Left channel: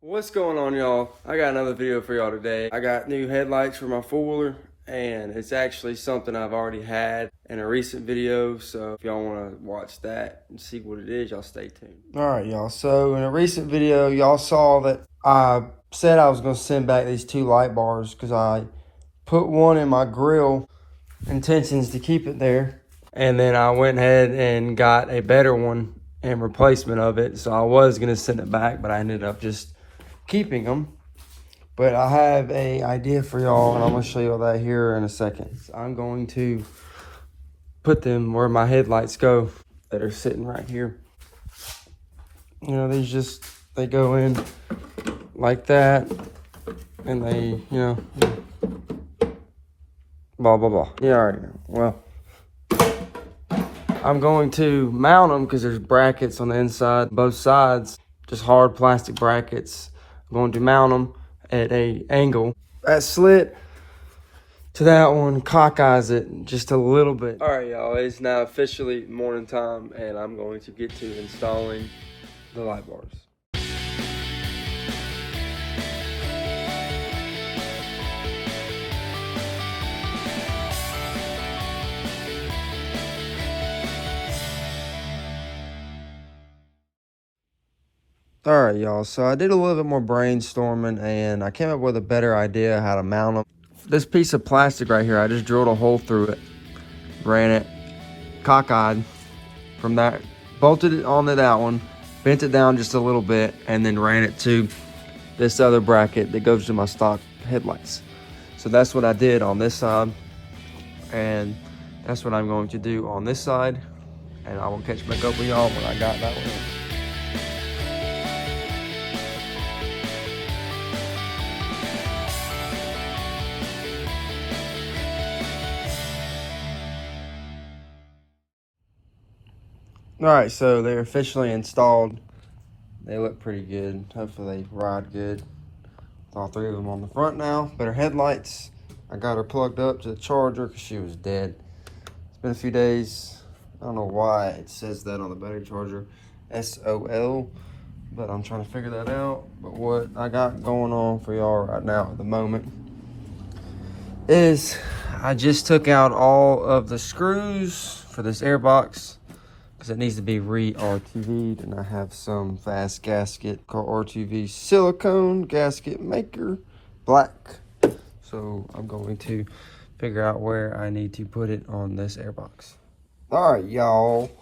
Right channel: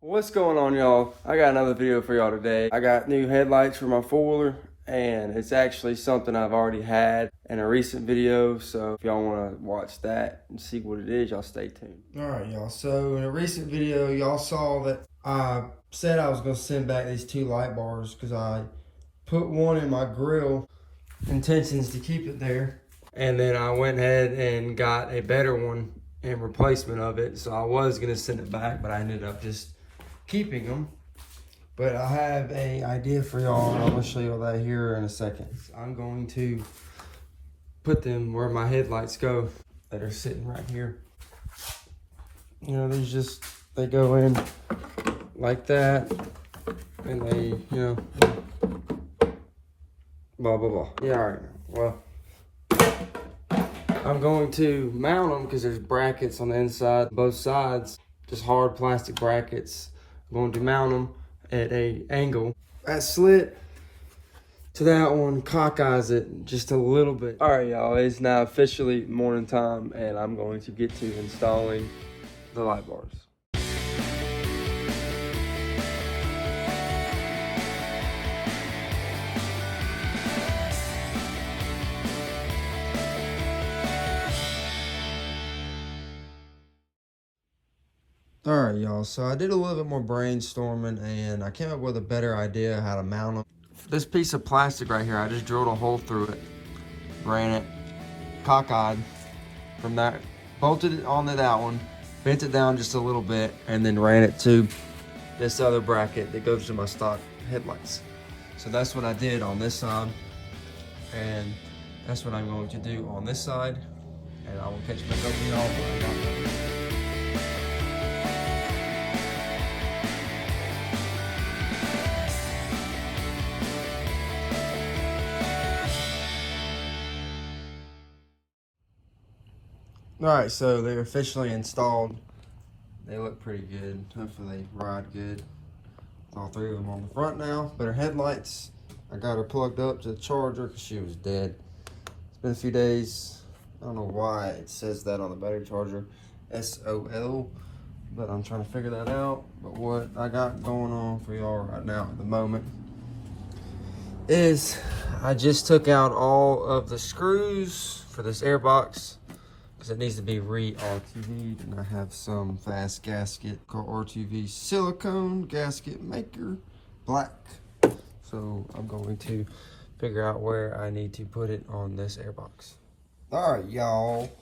What's going on, y'all? I got another video for y'all today. I got new headlights for my four-wheeler, and it's actually something I've already had in a recent video. So if y'all want to watch that and see what it is, y'all stay tuned. All right, y'all. So in a recent video, y'all saw that I said I was going to send back these two light bars because I put one in my grill, intentions to keep it there. And then I went ahead and got a better one in replacement of it. So I was going to send it back, but I ended up just keeping them. But I have a idea for y'all, and I'm going to show you all that here in a second. So I'm going to put them where my headlights go that are sitting right here. You know, they go in like that, and they, you know, blah, blah, blah. Yeah, all right. Well, I'm going to mount them because there's brackets on the inside, both sides, just hard plastic brackets. I'm going to mount them at a angle. That slit to that one cockeyes it just a little bit. All right, y'all, it's now officially morning time, and I'm going to get to installing the light bars. All right, y'all, so I did a little bit more brainstorming, and I came up with a better idea how to mount them. This piece of plastic right here, I just drilled a hole through it, ran it cockeyed from that, bolted it onto that one, bent it down just a little bit, and then ran it to this other bracket that goes to my stock headlights. So that's what I did on this side, and that's what I'm going to do on this side, and I will catch back up with y'all when I got that one. All right, so they're officially installed. They look pretty good. Hopefully they ride good. All three of them on the front now. Better headlights. I got her plugged up to the charger because she was dead. It's been a few days. I don't know why it says that on the battery charger, SOL, but I'm trying to figure that out. But what I got going on for y'all right now at the moment is I just took out all of the screws for this air box, because it needs to be re-RTV'd, and I have some fast gasket called RTV silicone gasket maker black. So I'm going to figure out where I need to put it on this airbox. All right, y'all.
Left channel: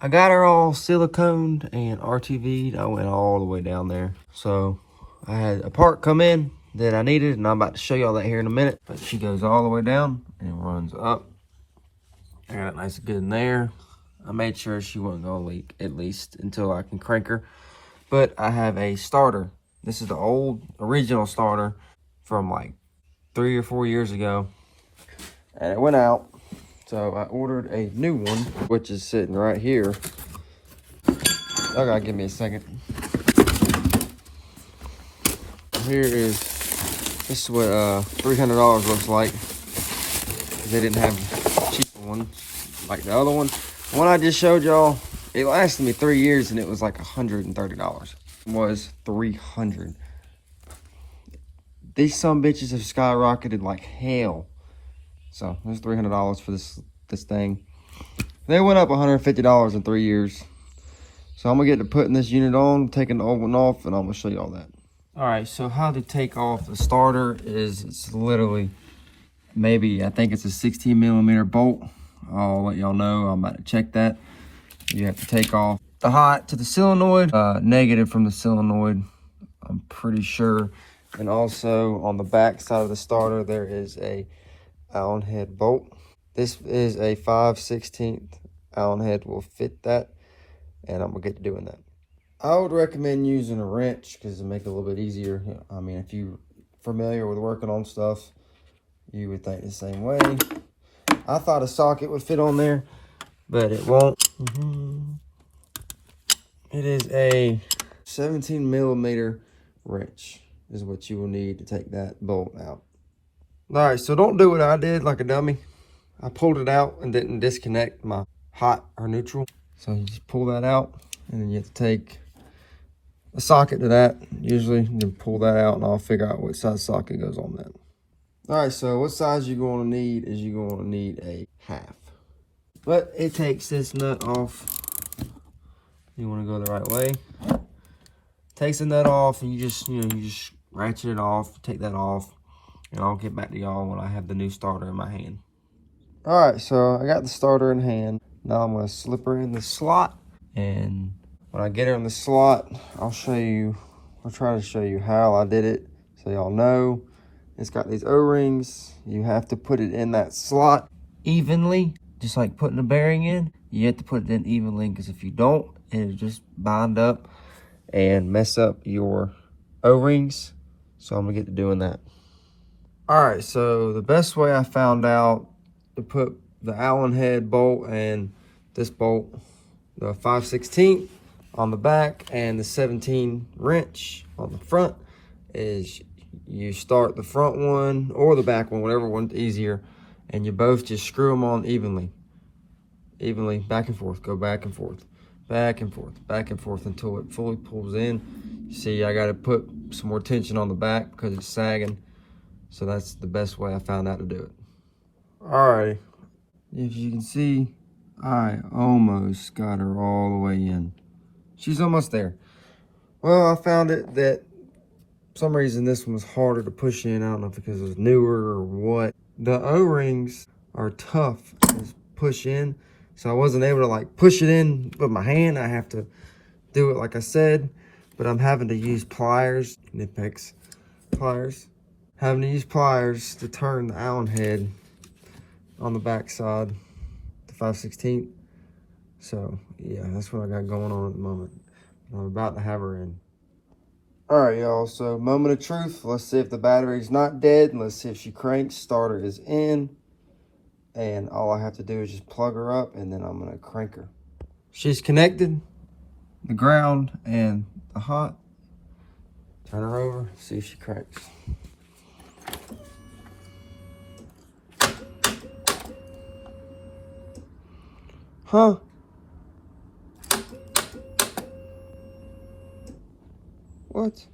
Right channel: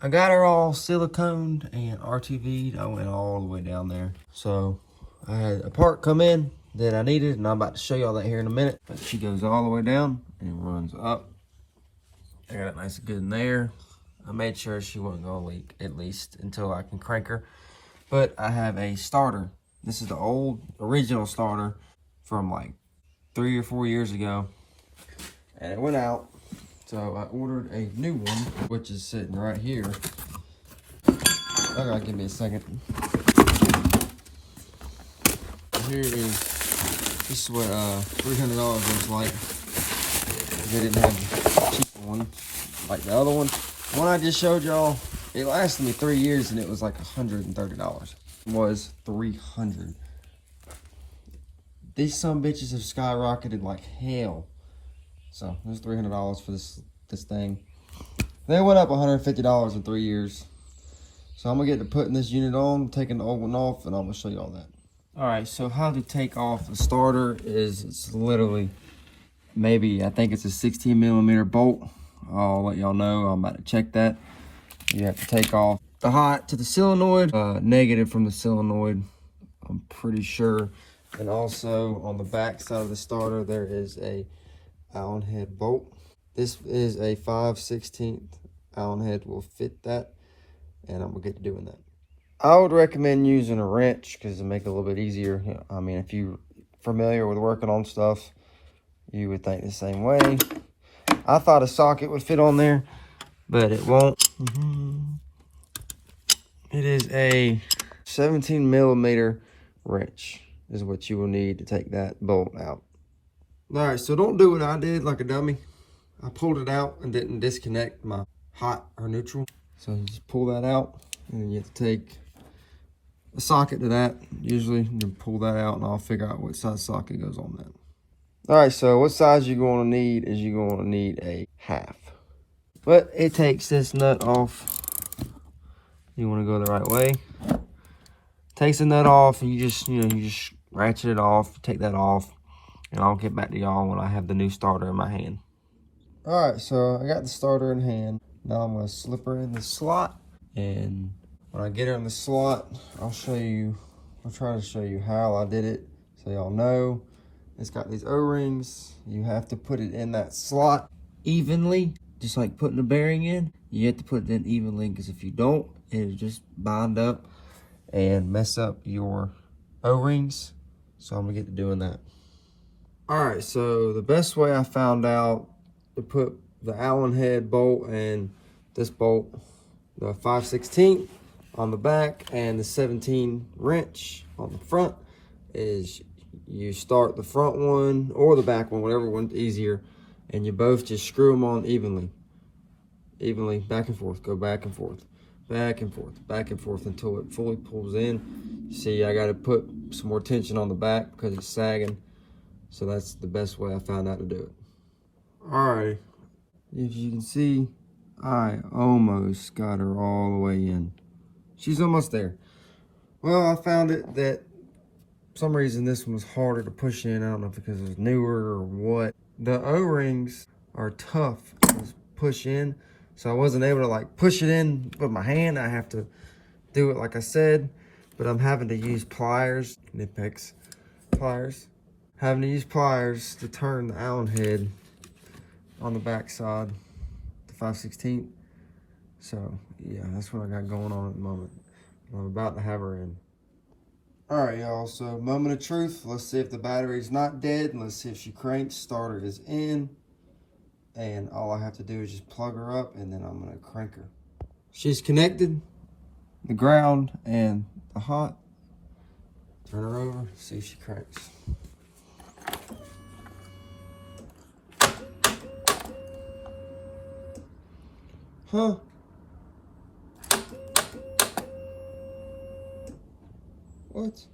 I got her all siliconed and RTV'd. I went all the way down there. So I had a part come in that I needed, and I'm about to show y'all that here in a minute. But she goes all the way down and runs up. I got it nice and good in there. I made sure she wasn't gonna leak, at least until I can crank her. But I have a starter. This is the old original starter from like 3 or 4 years ago, and it went out. So I ordered a new one, which is sitting right here. Y'all gotta give me a second. This is what $300 looks like. They didn't have a cheaper one like the other one. The one I just showed y'all, it lasted me 3 years, and it was like $130. It was $300. These some bitches have skyrocketed like hell. So it was $300 for this thing. They went up $150 in 3 years. So I'm gonna get to putting this unit on, taking the old one off, and I'm gonna show you all that. All right, so how to take off the starter is, it's literally maybe, I think it's a 16mm bolt. I'll let y'all know. I'm about to check that. You have to take off the hot to the solenoid, negative from the solenoid, I'm pretty sure. And also on the back side of the starter, there is a Allen head bolt. This is a 5/16 Allen head will fit that, and I'm gonna get to doing that. I would recommend using a wrench because it'll make it a little bit easier. I mean, if you're familiar with working on stuff, you would think the same way. I thought a socket would fit on there, but it won't. It is a 17mm wrench is what you will need to take that bolt out. All right, so don't do what I did like a dummy. I pulled it out and didn't disconnect my hot or neutral. So you just pull that out, and then you have to take a socket to that. Usually, you can pull that out and I'll figure out what size socket goes on that. All right, so what size you're going to need is you're going to need a half. But it takes this nut off. You want to go the right way. Takes the nut off and you just ratchet it off, take that off, and I'll get back to y'all when I have the new starter in my hand. All right, so I got the starter in hand. Now I'm going to slip her in the slot, and when I get her in the slot, I'll try to show you how I did it so y'all know. It's got these O-rings. You have to put it in that slot evenly, just like putting a bearing in. You have to put it in evenly, because if you don't, it'll just bind up and mess up your O-rings. So I'm gonna get to doing that. All right, so the best way I found out to put the Allen head bolt and this bolt, the 5/16 on the back and the 17 wrench on the front, is you start the front one or the back one, whatever one's easier, and you both just screw them on evenly, back and forth, go back and forth, back and forth, back and forth until it fully pulls in. You see, I got to put some more tension on the back because it's sagging. So that's the best way I found out to do it. All right, as you can see, I almost got her all the way in. She's almost there. Well, I found it that for some reason this one was harder to push in. I don't know if because it was newer or what. The O-rings are tough to push in, so I wasn't able to like push it in with my hand. I have to do it like I said, but I'm having to use pliers, Nippex pliers. Having to use pliers to turn the Allen head on the back side, the 5/16. So yeah, that's what I got going on at the moment. I'm about to have her in. All right, y'all, so moment of truth. Let's see if the battery's not dead. Let's see if she cranks. Starter is in. And all I have to do is just plug her up, and then I'm gonna crank her. She's connected, the ground and the hot. Turn her over, see if she cranks. Huh? What?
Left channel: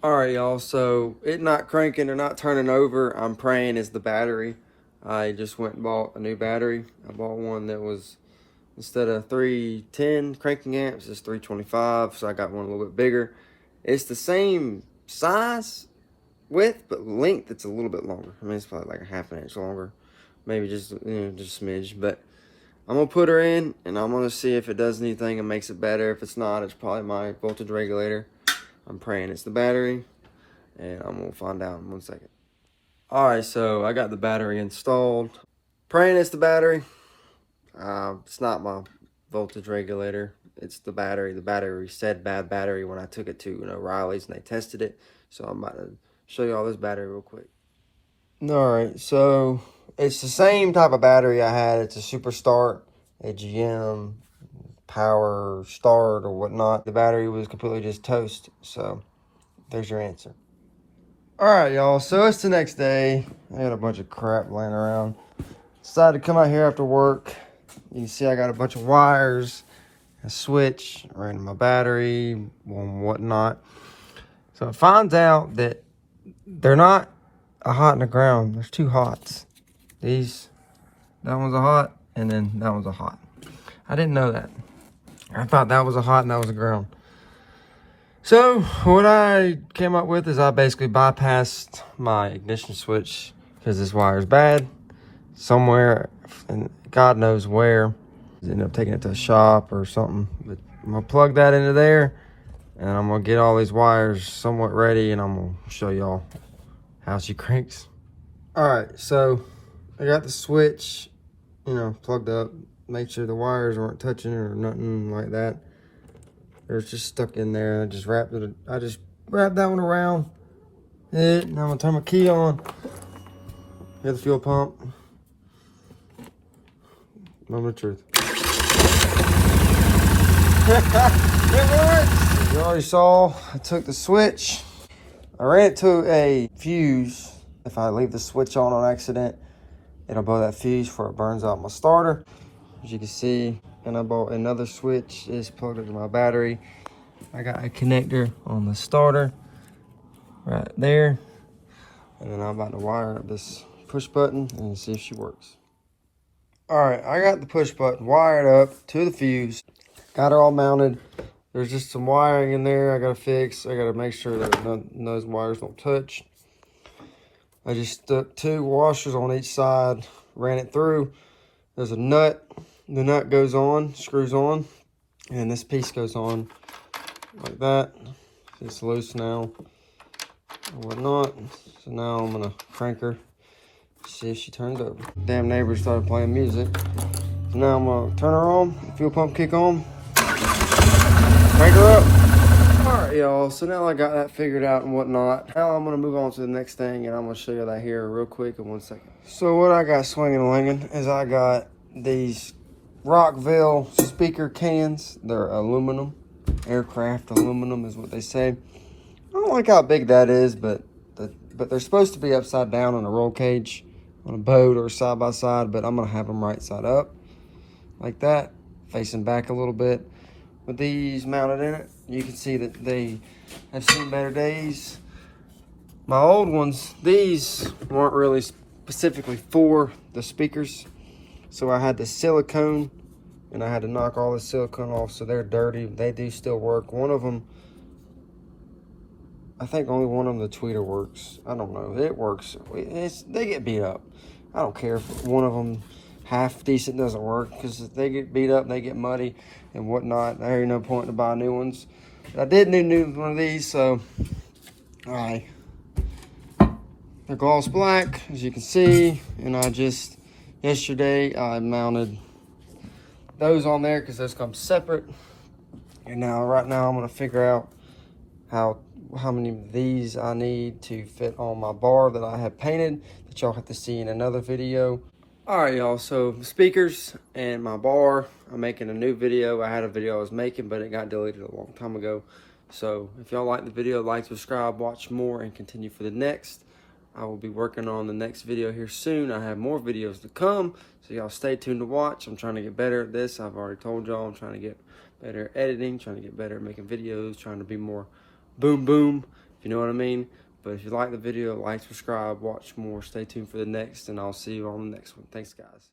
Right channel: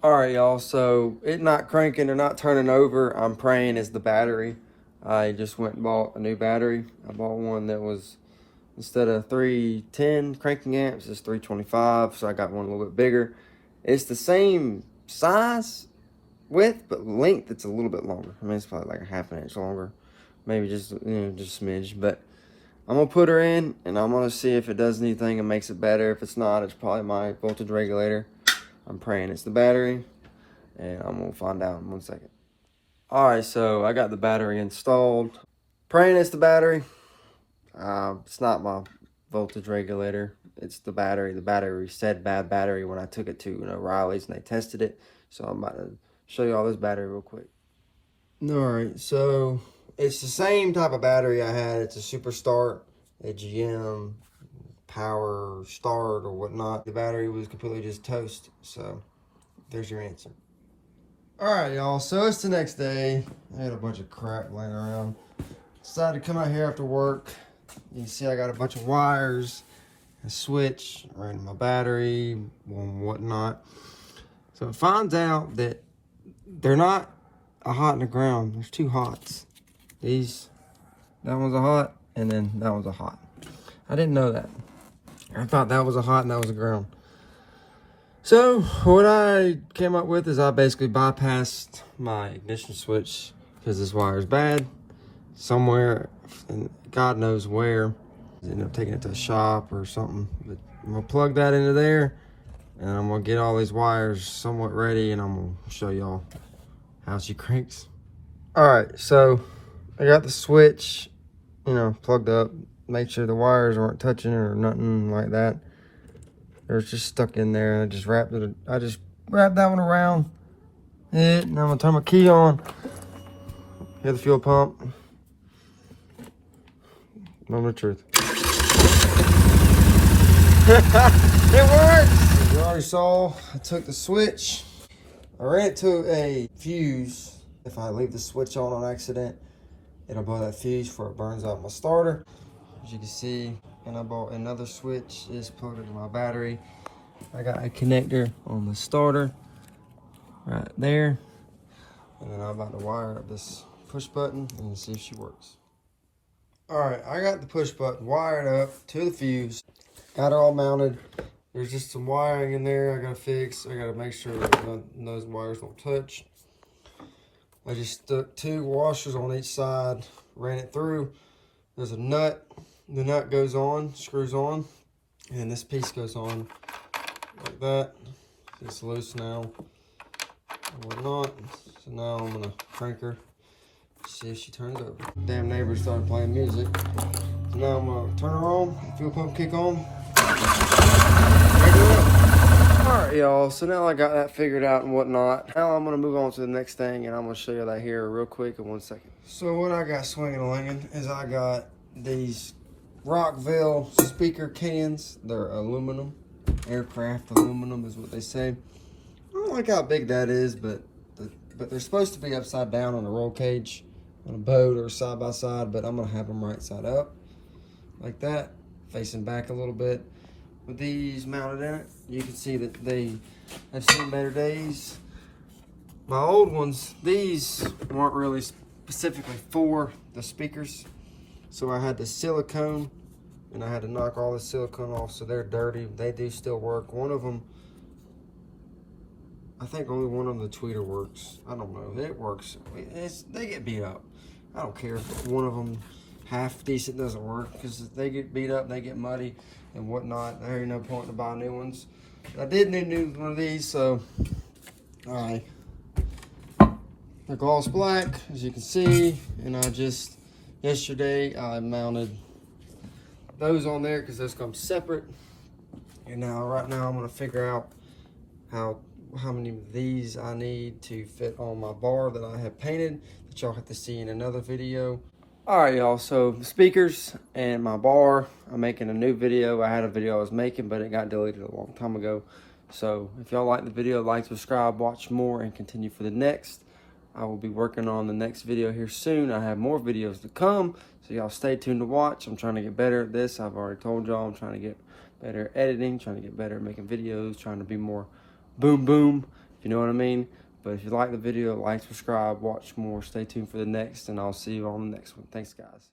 All right, y'all, so it not cranking or not turning over, I'm praying it's the battery. I just went and bought a new battery. I bought one that was, instead of 310 cranking amps, it's 325, so I got one a little bit bigger. It's the same size, width, but length, it's a little bit longer. I mean, it's probably like a half an inch longer. Maybe just, just a smidge, but I'm gonna put her in and I'm gonna see if it does anything and makes it better. If it's not, it's probably my voltage regulator. I'm praying it's the battery, and I'm gonna find out in 1 second. All right, so I got the battery installed. Praying it's the battery. It's not my voltage regulator. It's the battery. The battery said bad battery when I took it to O'Reilly's and they tested it. So I'm about to show you all this battery real quick. All right, so it's the same type of battery I had. It's a Super Start, a GM Power Start or whatnot. The battery was completely just toast. So there's your answer. All right, y'all, so it's the next day. I had a bunch of crap laying around. Decided to come out here after work. You can see I got a bunch of wires, a switch, ran my battery, and whatnot. So it finds out that they're not a hot in the ground. There's two hots. That one's a hot, and then that one's a hot. I didn't know that. I thought that was a hot and that was a ground. So what I came up with is I basically bypassed my ignition switch because this wire is bad somewhere, and God knows where. I ended up taking it to a shop or something. But I'm gonna plug that into there, and I'm gonna get all these wires somewhat ready, and I'm gonna show y'all how she cranks. All right, so I got the switch, plugged up. Make sure the wires weren't touching or nothing like that. They're just stuck in there. I just wrapped that one around it. Now I'm gonna turn my key on. Hit the fuel pump. Moment of truth. It works! As you already saw, I took the switch. I ran it to a fuse. If I leave the switch on accident, it'll blow that fuse before it burns out my starter. As you can see, and I bought another switch. It's plugged into my battery. I got a connector on the starter right there. And then I'm about to wire up this push button and see if she works. Alright, I got the push button wired up to the fuse. Got her all mounted. There's just some wiring in there I gotta fix. I gotta make sure that those wires don't touch. I just stuck 2 washers on each side, ran it through. There's a nut. The nut goes on, screws on, and this piece goes on like that. It's loose now and whatnot. So now I'm gonna crank her, see if she turns over. Damn neighbor started playing music. So now I'm gonna turn her on, fuel pump kick on, crank her up. All right, y'all, so now I got that figured out and whatnot. Now I'm gonna move on to the next thing, and I'm gonna show you that here real quick in 1 second. So what I got swinging and langing is I got these Rockville speaker cans. They're aluminum, aircraft aluminum is what they say. I don't like how big that is, but they're supposed to be upside down on a roll cage on a boat or side by side, but I'm gonna have them right side up like that, facing back a little bit. With these mounted in it, you can see that they have seen better days. My old ones, these weren't really specifically for the speakers, so I had the silicone and I had to knock all the silicone off, so they're dirty. They do still work. One of them, I think only one of them, the tweeter works. I don't know, it works. They get beat up. I don't care if one of them half decent doesn't work, because they get beat up, they get muddy and whatnot. There ain't no point to buy new ones. I did need one of these, so they're gloss black, as you can see, and yesterday I mounted those on there because those come separate. And right now I'm gonna figure out how many of these I need to fit on my bar that I have painted, that y'all have to see in another video. All right, y'all, so the speakers and my bar, I'm making a new video. I had a video I was making, but it got deleted a long time ago. So if y'all like the video, like, subscribe, watch more, and continue for the next. I will be working on the next video here soon. I have more videos to come, so y'all stay tuned to watch. I'm trying to get better at this. I've already told y'all I'm trying to get better at editing, trying to get better at making videos, trying to be more boom boom, if you know what I mean. But if you like the video, like, subscribe, watch more, stay tuned for the next, and I'll see you on the next one. Thanks, guys.